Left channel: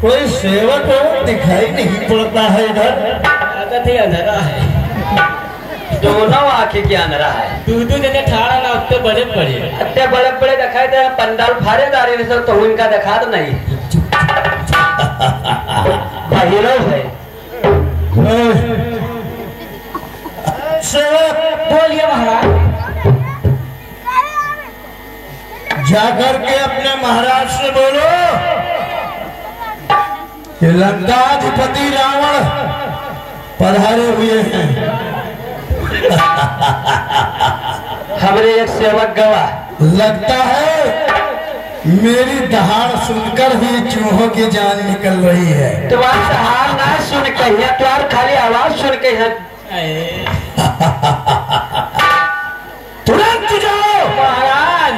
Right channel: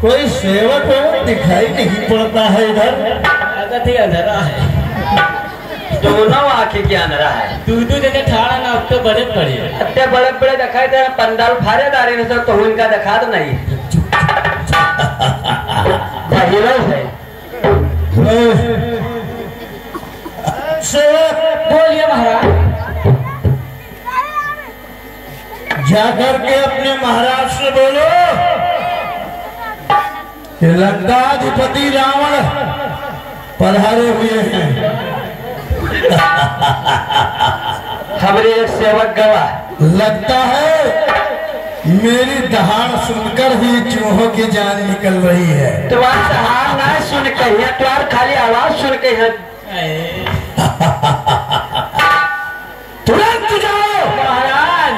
कोई सेवक दिखाई नहीं पड़ता है इधर। आदत ही अंधेरा है, दोनों आंखें क्या अंधेरा है। दूध जने ठाड़ा ना उत्ते बड़े बड़े अत्ते बड़े बड़े दिखाई दे पंडाल फारे दारे ने सब तो उनका दिखा तो नहीं हीरो है। सेवक बोलिए महाराज। जाकर के अपने महाराज से बोलो कि लंकाधिपति रावण पधारे हुए हैं। खबरें एक सेवक गवा लगता है मेरी दहाड़ सुनकर ही चूहों की जान निकल रही है। तुम्हारा सहार ना सुन कहिए, तुम्हार खाली आवाज सुन कहिए। तुरंत जाओ महाराज,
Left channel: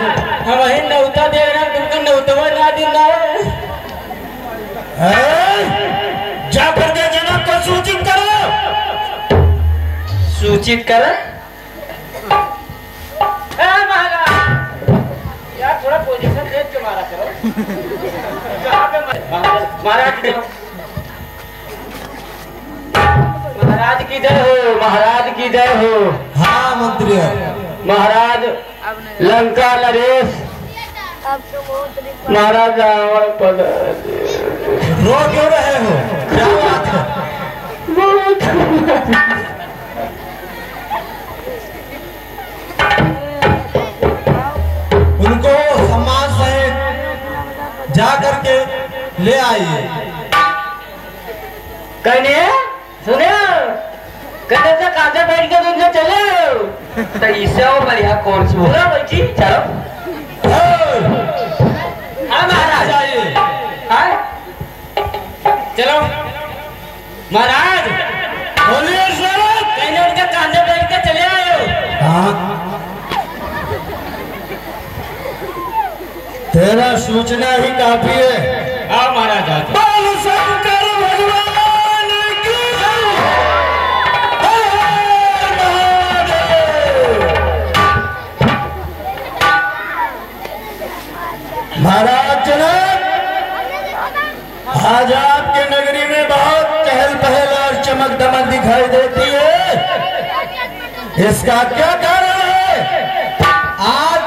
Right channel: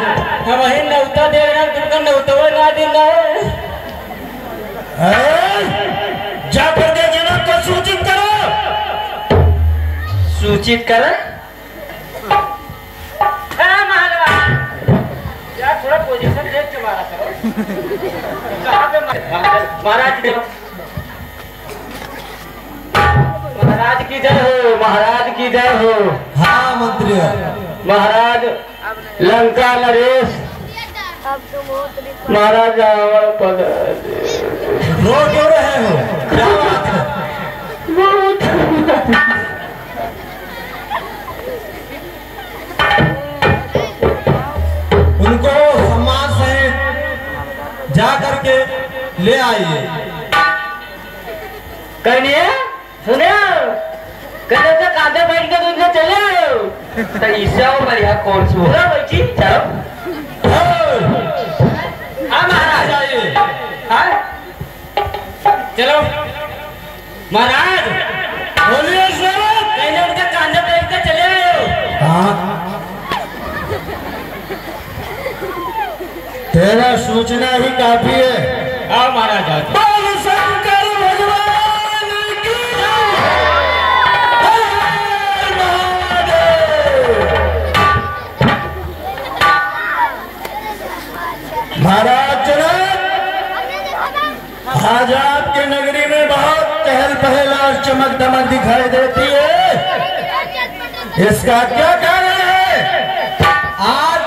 हम ही नौता दे रहे हैं, तुमको नौतवा ना दिन जाकर के जनक को सूचित करो। सूचित कर महाराज यार थोड़ा पोजीशन देख के मारा करो। कहाँ पे महाराज महाराज की जय हो, महाराज की जय हो। हाँ मंत्री महाराज लंका नरेश महाराज रावण रो क्यों रहे हो? क्या बात है? उनको सम्मान से जा करके ले आइए। कहने सुने कहते थे कांधे बैठ के दूध चले तो इससे वो बढ़िया कौन सी होगा बच्ची चलो। हाँ महाराज हाँ चलो महाराज बोलिए सर। कहने उनके कांधे बैठ के चले आए हो। हाँ तेरा सूचना ही काफी है। हाँ महाराज बोल शंकर भगवान की जय। हर हर महादेव। महाराज जनक, आज आपके नगरी में बहुत चहल पहल और चमक दमक दिखाई देती है, इसका क्या कारण है? आज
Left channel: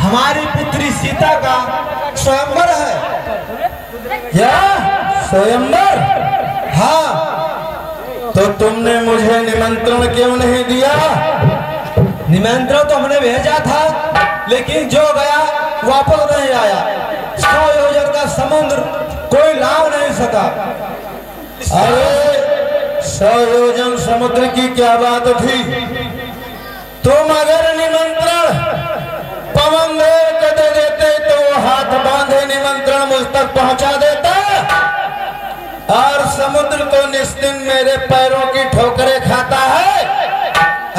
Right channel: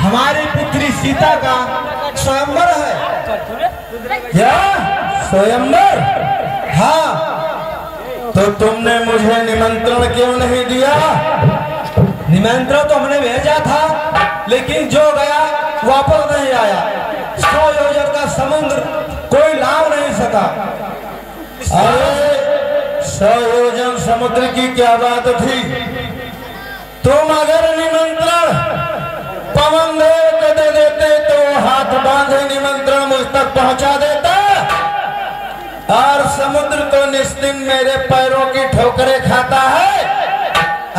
हमारी पुत्री सीता का स्वयंवर है। क्या स्वयंवर? हाँ, तो तुमने मुझे निमंत्रण क्यों नहीं दिया? निमंत्रण तो हमने भेजा था, लेकिन जो गया वापस नहीं आया। 100 योजन का समुद्र कोई लाभ नहीं सका। अरे 100 योजन समुद्र की क्या बात थी? तुम अगर निमंत्रण पवन देव को दे देते तो हाथ बांधे निमंत्रण मुझ तक पहुंचा देता, और समुद्र तो निश्चिंत मेरे पैरों की ठोकरें खाता है।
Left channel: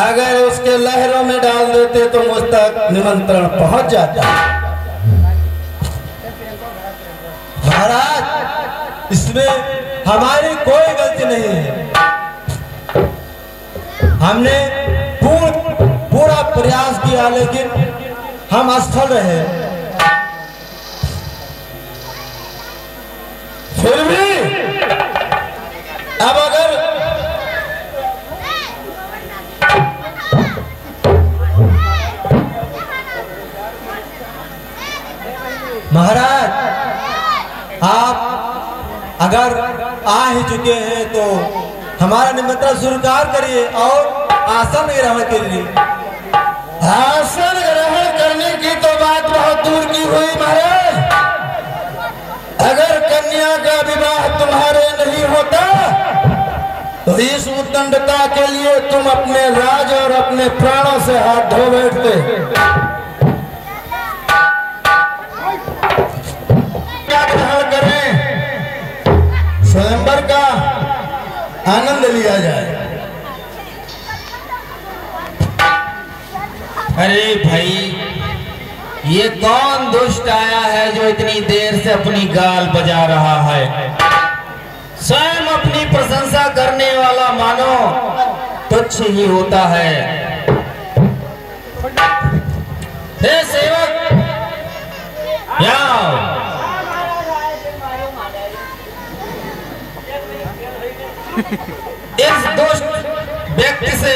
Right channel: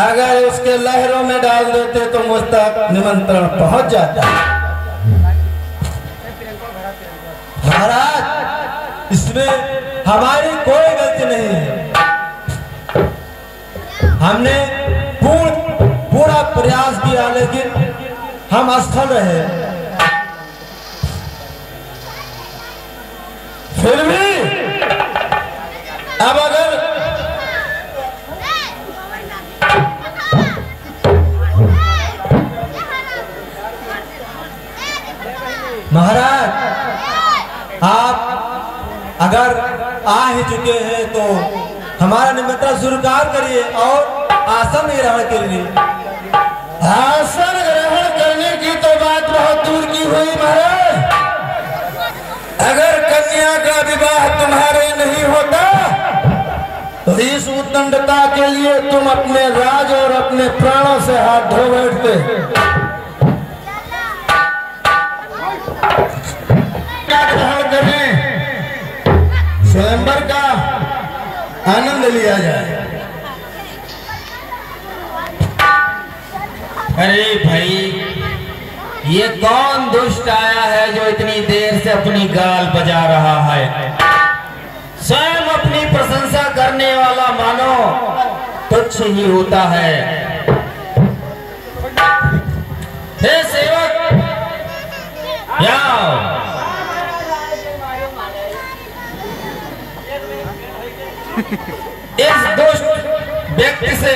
अगर उसके लहरों में डाल देते तो मुझ तक निमंत्रण पहुंच जाता। महाराज, इसमें हमारी कोई गलती नहीं है। हमने पूरा प्रयास किया, लेकिन हम असफल रहे। फिर भी अब अगर महाराज आप अगर आ ही चुके हैं तो हमारा निमंत्रण स्वीकार करिए और आसन ग्रहण के लिए। आसन ग्रहण करने की तो बात बहुत दूर की हुई महाराज। अगर कन्या का विवाह तुम्हारे नहीं होता तो इस उद्दंडता के लिए तुम अपने राज और अपने प्राणों से हाथ धो बैठते। ग्रहण करें, स्वयंवर का आनंद लिया जाए। अरे भाई, ये कौन दुष्ट आया है जो इतनी देर से अपनी गाल बजा रहा है? स्वयं अपनी प्रशंसा करने वाला मानो तुच्छ ही होता है। हे सेवक, आओ। इस दुष्ट व्यक्ति से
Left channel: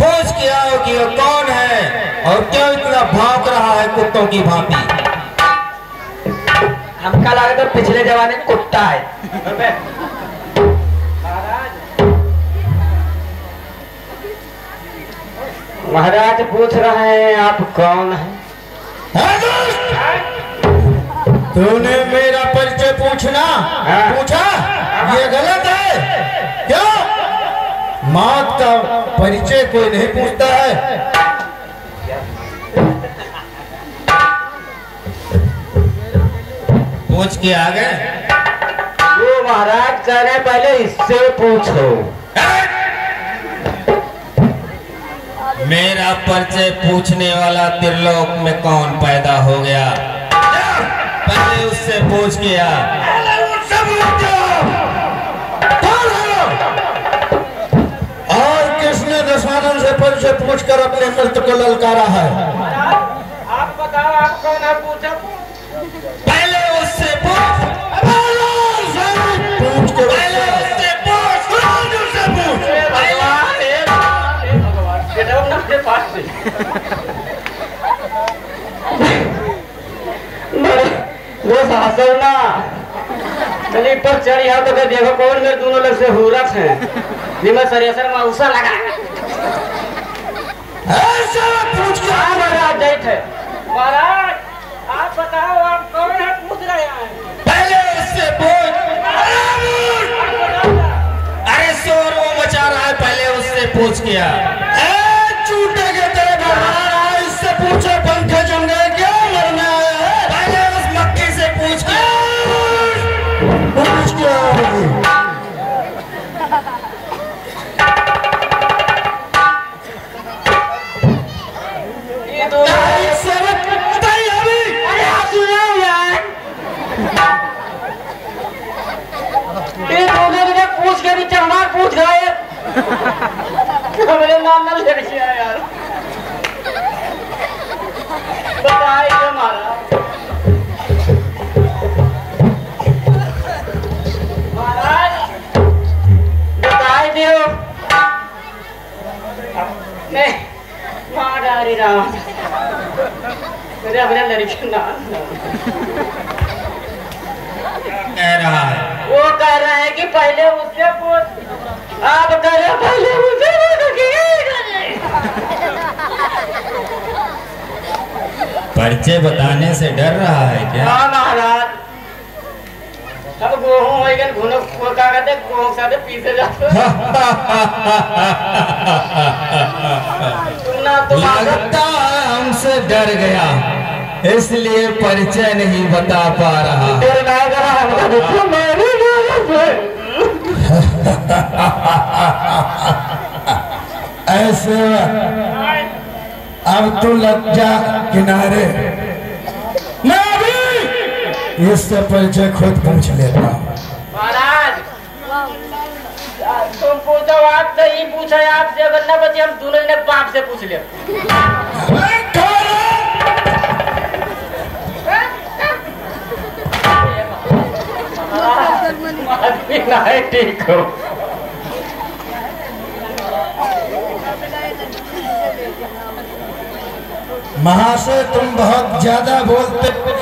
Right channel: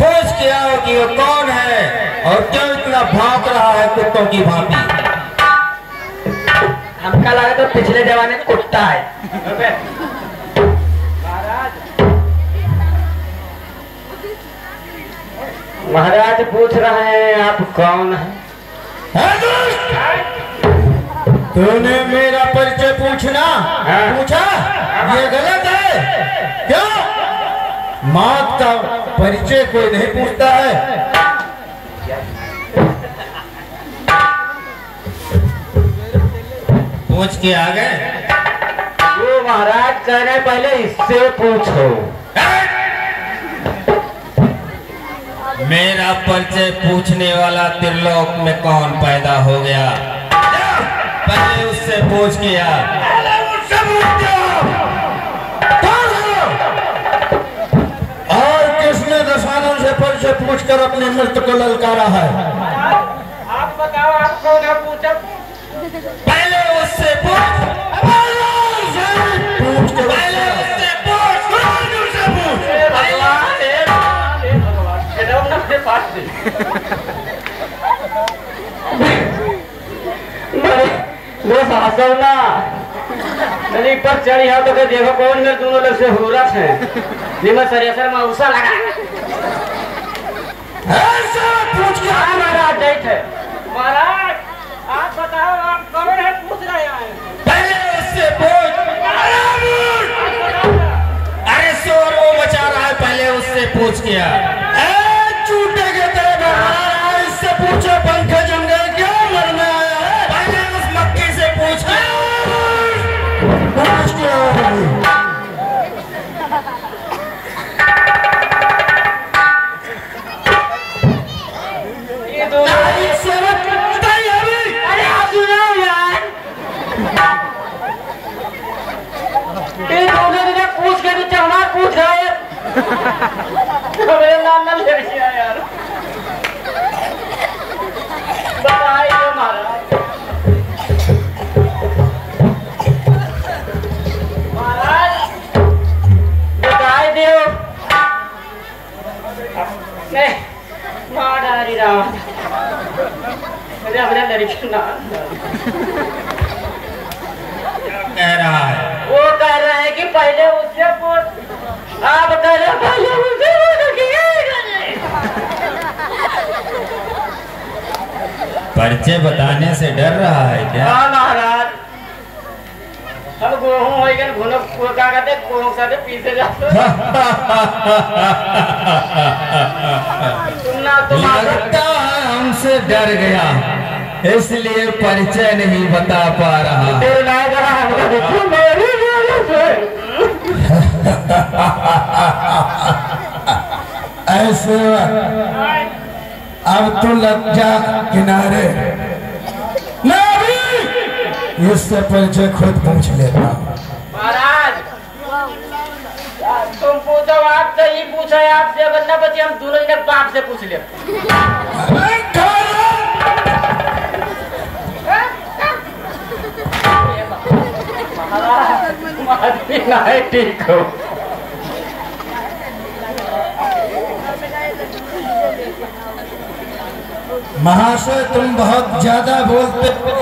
पूछ के आओ कि वो कौन है और क्यों इतना भौंक रहा है कुत्तों की भांति। हमका लगा तो पिछले जमाने में कुत्ता है। महाराज पूछ रहे हैं आप कौन हैं? तूने मेरा परिचय पूछा? ये गलत है। क्यों? मौत का परिचय कोई नहीं पूछता है। पूछ के आ गए। वो महाराज कह रहे पहले इससे पूछो। मेरा परिचय पूछने वाला त्रिलोक में कौन पैदा हो गया? पहले उससे पूछ के आ। और किसने दशानन से परिचय पूछकर अपने मृत्यु को ललकारा है? आप बताओ, आप कौन है? पूछो पहले उससे पूछ। पूछ के पहले उससे पूछ। वो भाषण ना चली पर चढ़ी है तो देखो कौन में दोनों लोग से हुरत है जिसमें सरेसर में उसा लगा ऐसा पूछ के महाराज डेट है। महाराज आप बताओ, आप कौन है? पूछ रहे हैं। पहले उससे पूछ। अरे शोर वो मचा रहा है, पहले उससे पूछ के आ। झूठे के तेरे इससे पूछो पंखे जम गए क्या? मरना है? पहले उस मक्खी से पूछ के पूछ के ये दोनों सेवक बताइए अभी। अरे आप सुनो यार, ये दोनों ने पूछ के नीचे हमारा पूछ गए। मेरे नाम ना ले रखिए यार। बताइए महाराज। महाराज बताइए दियो। नहीं महाराज राम मेरे अपने लड़की ना कह रहा है। वो कह रहा है कि पहले मुझसे पूछ। आप कह रहे पहले मुझसे परिचय बताने से डर रहा है क्या? हाँ महाराज, हम गेहूं वही घुनो क्या कहते गेहूं सारे पीछे जाते सुनना तो लगता है हमसे डर गया, इसलिए परिचय नहीं बता पा रहा। तेरे नाम करा हमको देखो मेरी ऐसे अब तो लग जा किनारे। मैं अभी इससे परिचय खुद पूछ लेता हूँ। महाराज तुम पूछो, आप तो ही पूछा आपसे, अगर न बचे हम दोनों ने बाप से पूछ लिया। ठीक हो महाशय, तुम बहुत ज्यादा बोलते हो।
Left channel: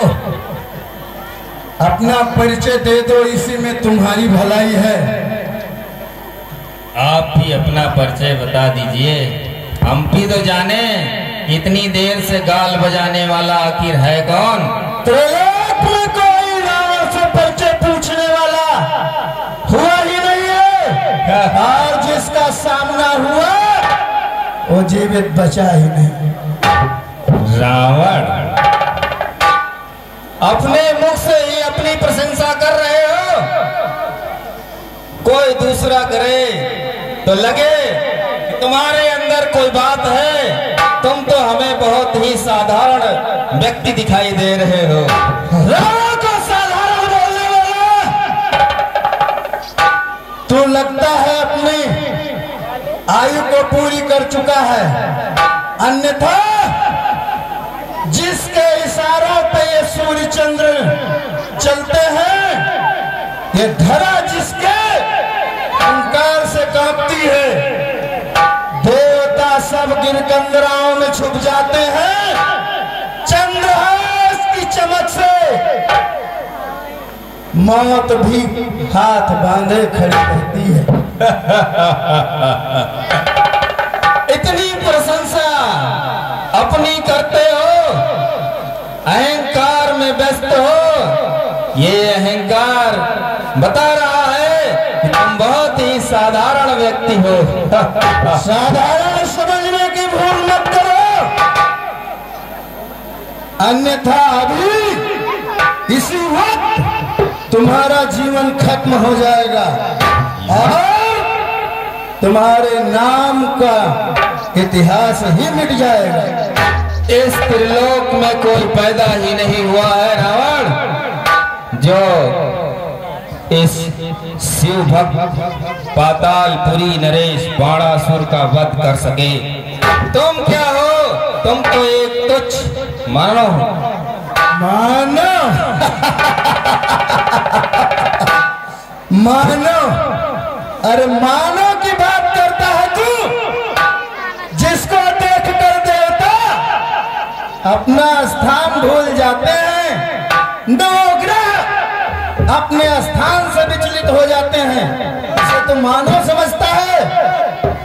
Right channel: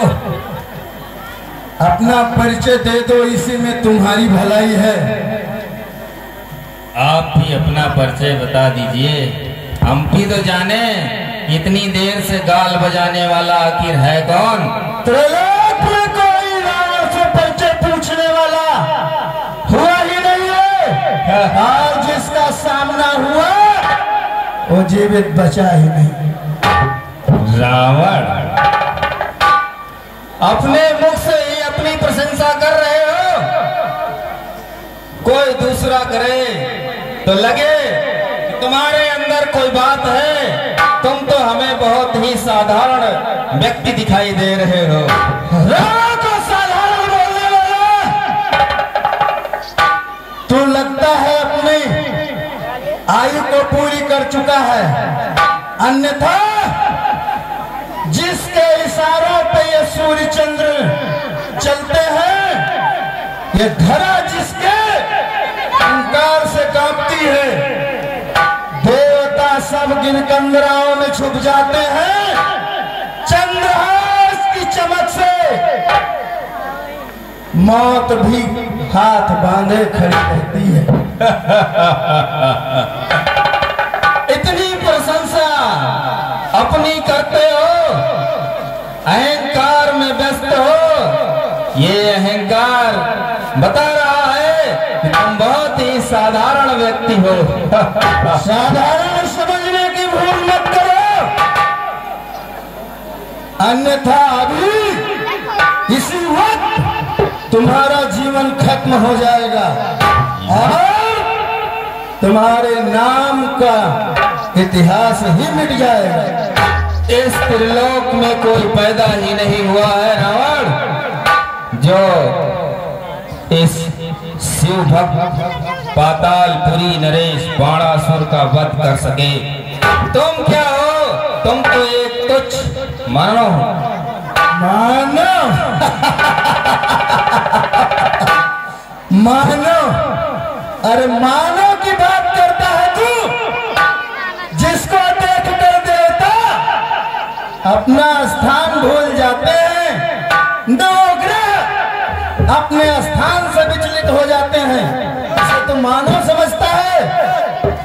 अपना परिचय दे दो, इसी में तुम्हारी भलाई है। आप भी अपना परिचय बता दीजिए, हम भी तो जाने इतनी देर से गाल बजाने वाला आखिर है कौन? त्रिलोक में कोई रावण से परिचय पूछने वाला हुआ ही नहीं है, और जिसका सामना हुआ वो जीवित बचा ही नहीं। रावण? अपने मुख से ही अपनी प्रशंसा कर रहे हो? कोई दूसरा करे तो लगे कि तुम्हारे अंदर कोई बात है। तुम तो हमें बहुत ही साधारण व्यक्ति दिखाई दे रहे हो। रावण को साधारण बोलने वाला तू लगता है अपनी आयु को पूरी कर चुका है, अन्यथा जिसके इशारों पे ये सूर्य चंद्र चलते हैं, ये धरा जिसके अहंकार से कांपती है, देवता सब गिरकंदराओं में छुप जाते हैं, चंद्रहास की चमक से मौत भी हाथ बांधे खड़ी रहती है। इतनी प्रशंसा अपनी करते हो, अहंकार में व्यस्त हो। ये अहंकार बता रहा है कि तुम बहुत ही साधारण व्यक्ति हो। साधारण समझने की भूल मत करो, अन्यथा अभी इसी वक्त तुम्हारा जीवन खत्म हो जाएगा और तुम्हारे नाम का इतिहास ही मिट जाएगा। इस त्रिलोक में कोई पैदा ही नहीं हुआ है रावण, जो इस शिव भक्त पातालपुरी नरेश बाणासुर का वध कर सके। तुम क्या हो? तुम तो एक तुच्छ मानव हो। मानव? मानव? अरे मानव की बात करता है तू, जिसको देखकर देवता अपना स्थान भूल जाते हैं, नवग्रह अपने स्थान से विचलित हो जाते हैं। इसे तो मानव समझता है,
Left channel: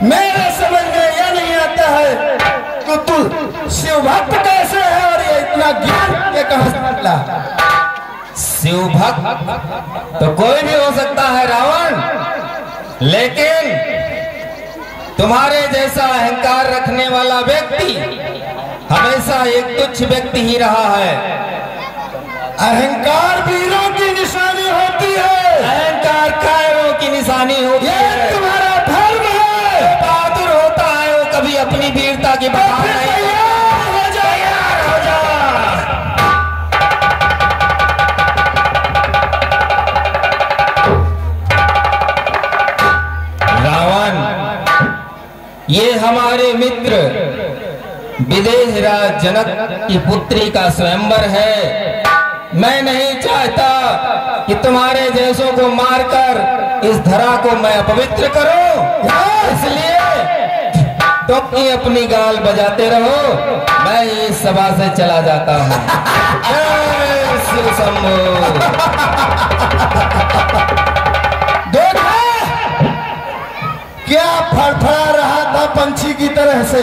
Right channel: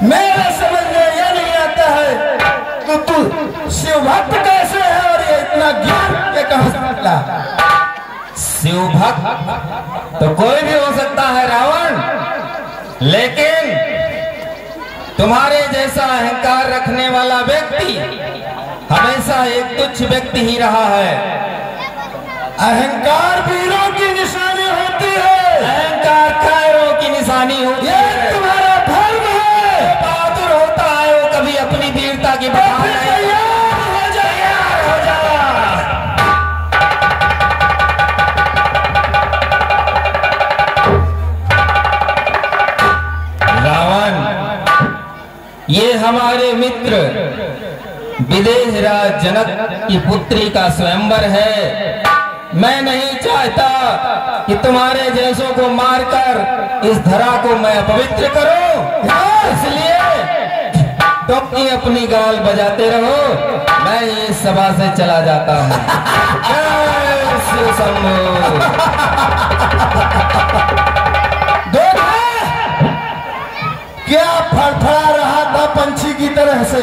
मेरे समझ में यह नहीं आता है कि तू शिव भक्त कैसे है और ये इतना ज्ञान ये कहां से निकला? शिव भक्त तो कोई भी हो सकता है रावण, लेकिन तुम्हारे जैसा अहंकार रखने वाला व्यक्ति हमेशा एक तुच्छ व्यक्ति ही रहा है। अहंकार वीरों की निशानी होती है, अहंकार खैरों की निशानी होती है। ये तुम्हारा धर्म है। जो बहादुर होता है वो कभी अपनी वीरता की बहाना नहीं। ये हमारे मित्र विदेहराज जनक की पुत्री का स्वयंवर है। मैं नहीं चाहता कि तुम्हारे जैसों को मारकर इस धरा को मैं अपवित्र करूं, इसलिए तुम अपनी गाल बजाते रहो, मैं इस सभा से चला जाता हूं। शिव शंभो। क्या फड़फड़ा रहा था पंछी की तरह से,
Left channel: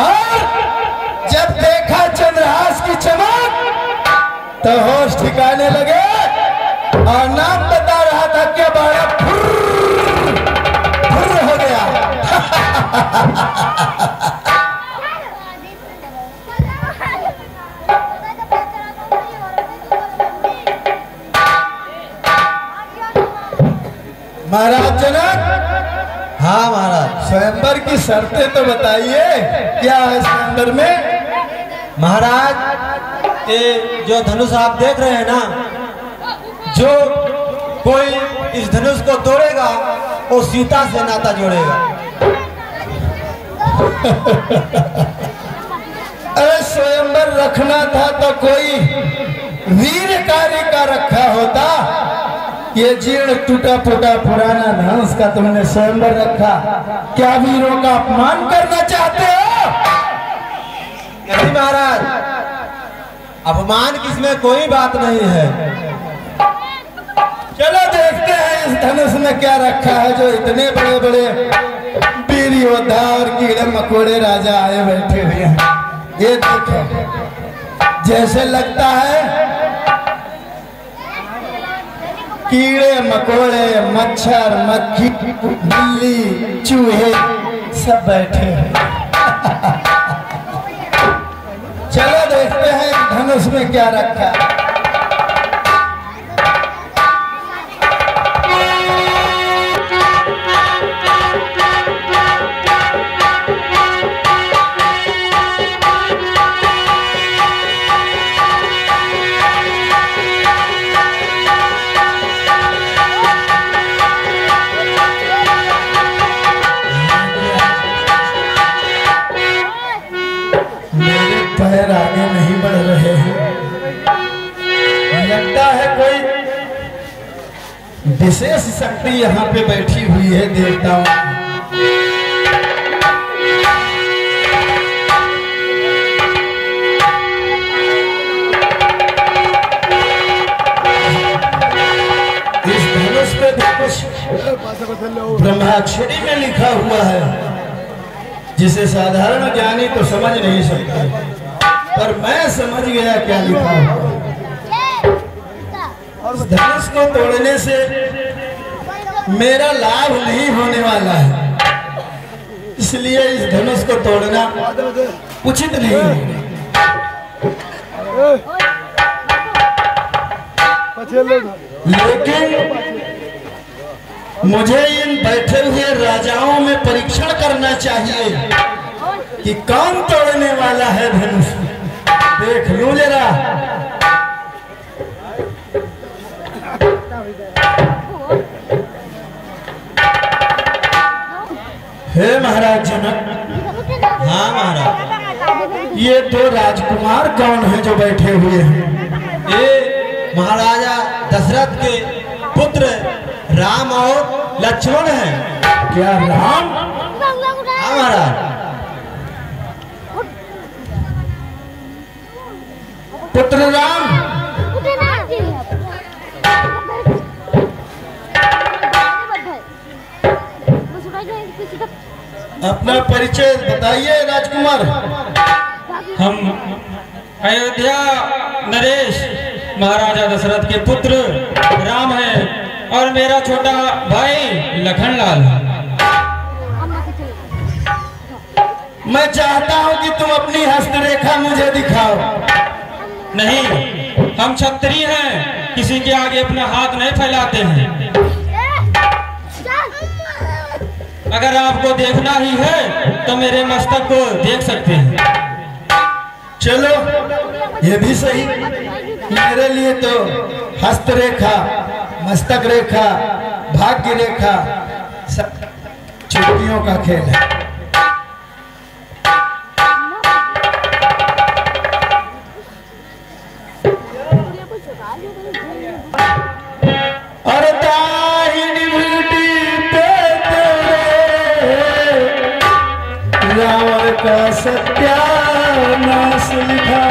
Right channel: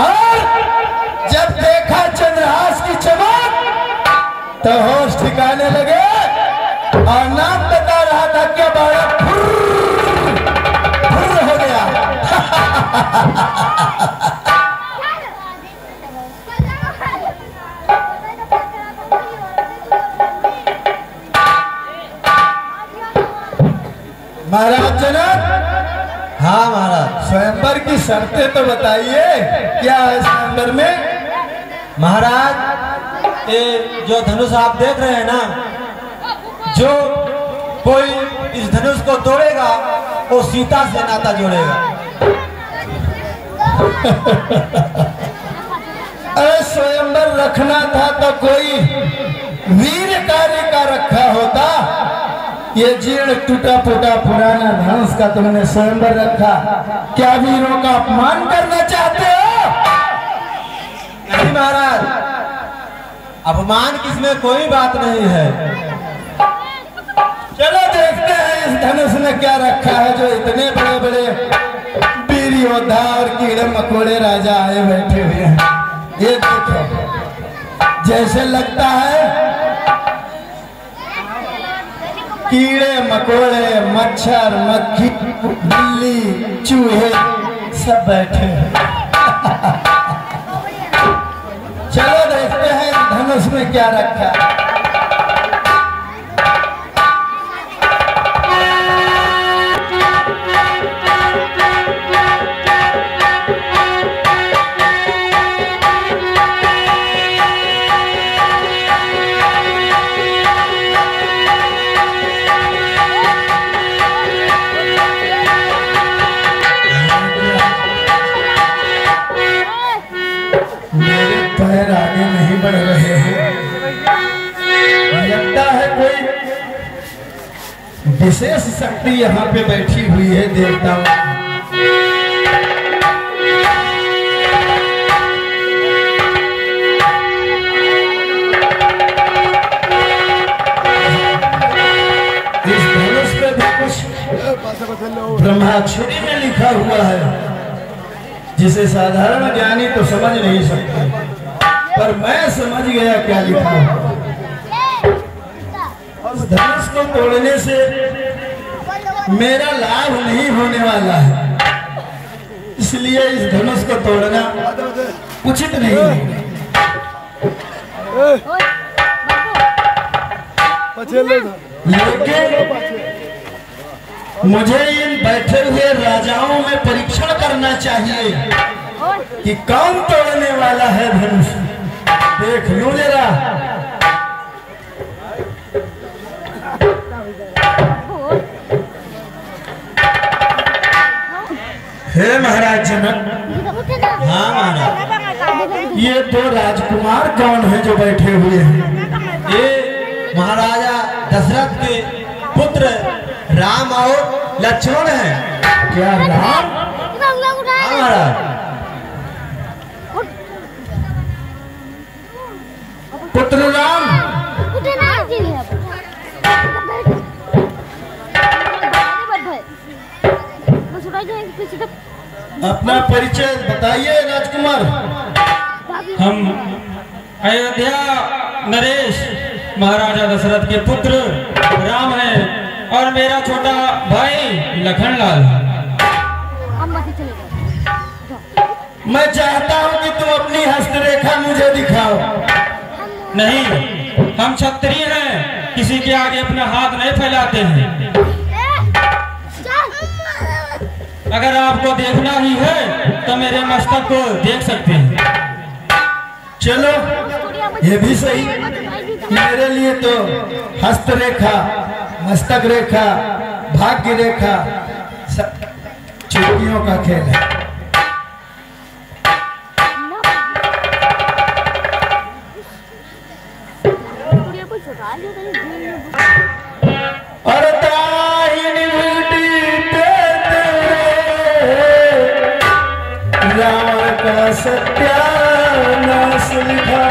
और जब देखा चंद्रहास की चमक तो होश ठिकाने लगे और नाम बता रहा था क्या बाड़ा फुर्र हो गया। महाराज जनक। हाँ महाराज, स्वयंवर की शर्तें तो बताइए, क्या है स्वयंवर में? महाराज, ये जो धनुष आप देख रहे हैं ना, जो कोई इस धनुष को तोड़ेगा वो सीता से नाता जोड़ेगा। अरे स्वयंवर रखना था तो कोई वीर कार्य का रखा होता। ये जीर्ण टूटा फूटा पुराना धनुष का तुमने स्वयंवर रखा, क्या वीरों का अपमान करना चाहते हो? नहीं महाराज, अपमान किसमें कोई बात नहीं है। चलो देखते हैं इस धनुष में क्या रखा है, जो इतने बड़े बड़े वीर योद्धा और कीड़े मकोड़े राजा आए बैठे हुए हैं। ये देखो, जैसे लगता है कीड़े मकोड़े मच्छर मक्खी बिल्ली चूहे सब बैठे हैं। चलो देखते हैं धनुष में क्या रखा। मेरे पैर आगे आगे नहीं बढ़ रहे हैं। लगता है कोई विशेष शक्ति यहाँ पे बैठी हुई है देवताओं की। इस धनुष पे भी कुछ ब्रह्माक्षरी में लिखा हुआ है, जिसे साधारण ज्ञानी तो समझ नहीं सकते, पर मैं समझ गया क्या लिखा है। इस धनुष को तोड़ने से मेरा लाभ नहीं होने वाला है, इसलिए इस धनुष को तोड़ना उचित नहीं है। लेकिन मुझे इन बैठे हुए राजाओं में परीक्षण करना चाहिए कि कौन तोड़ने वाला है धनुष। देख लूं जरा। हे महाराज जनक। हाँ महाराज। ये दो राजकुमार कौन है जो बैठे हुए हैं? ये महाराजा दशरथ के पुत्र राम और लक्ष्मण हैं। क्या राम? हाँ महाराज। पुत्र राम? अपना परिचय बताइए राजकुमार। हम अयोध्या नरेश महाराजा दशरथ के पुत्र राम है और मेरा छोटा भाई लखनलाल। मैं चाहता हूँ कि तुम अपनी हस्तरेखा मुझे दिखाओ। नहीं, हम क्षत्रिय हैं, किसी के आगे अपना हाथ नहीं फैलाते हैं। अगर आपको देखना ही है तो मेरे मस्तक को देख सकते हैं। चलो, ये भी सही। मेरे लिए तो हस्तरेखा, मस्तक रेखा, भाग्य रेखा सब चुटकियों का खेल है। और दाहिनी बेटी देते रावण का सत्यानाश लिखा।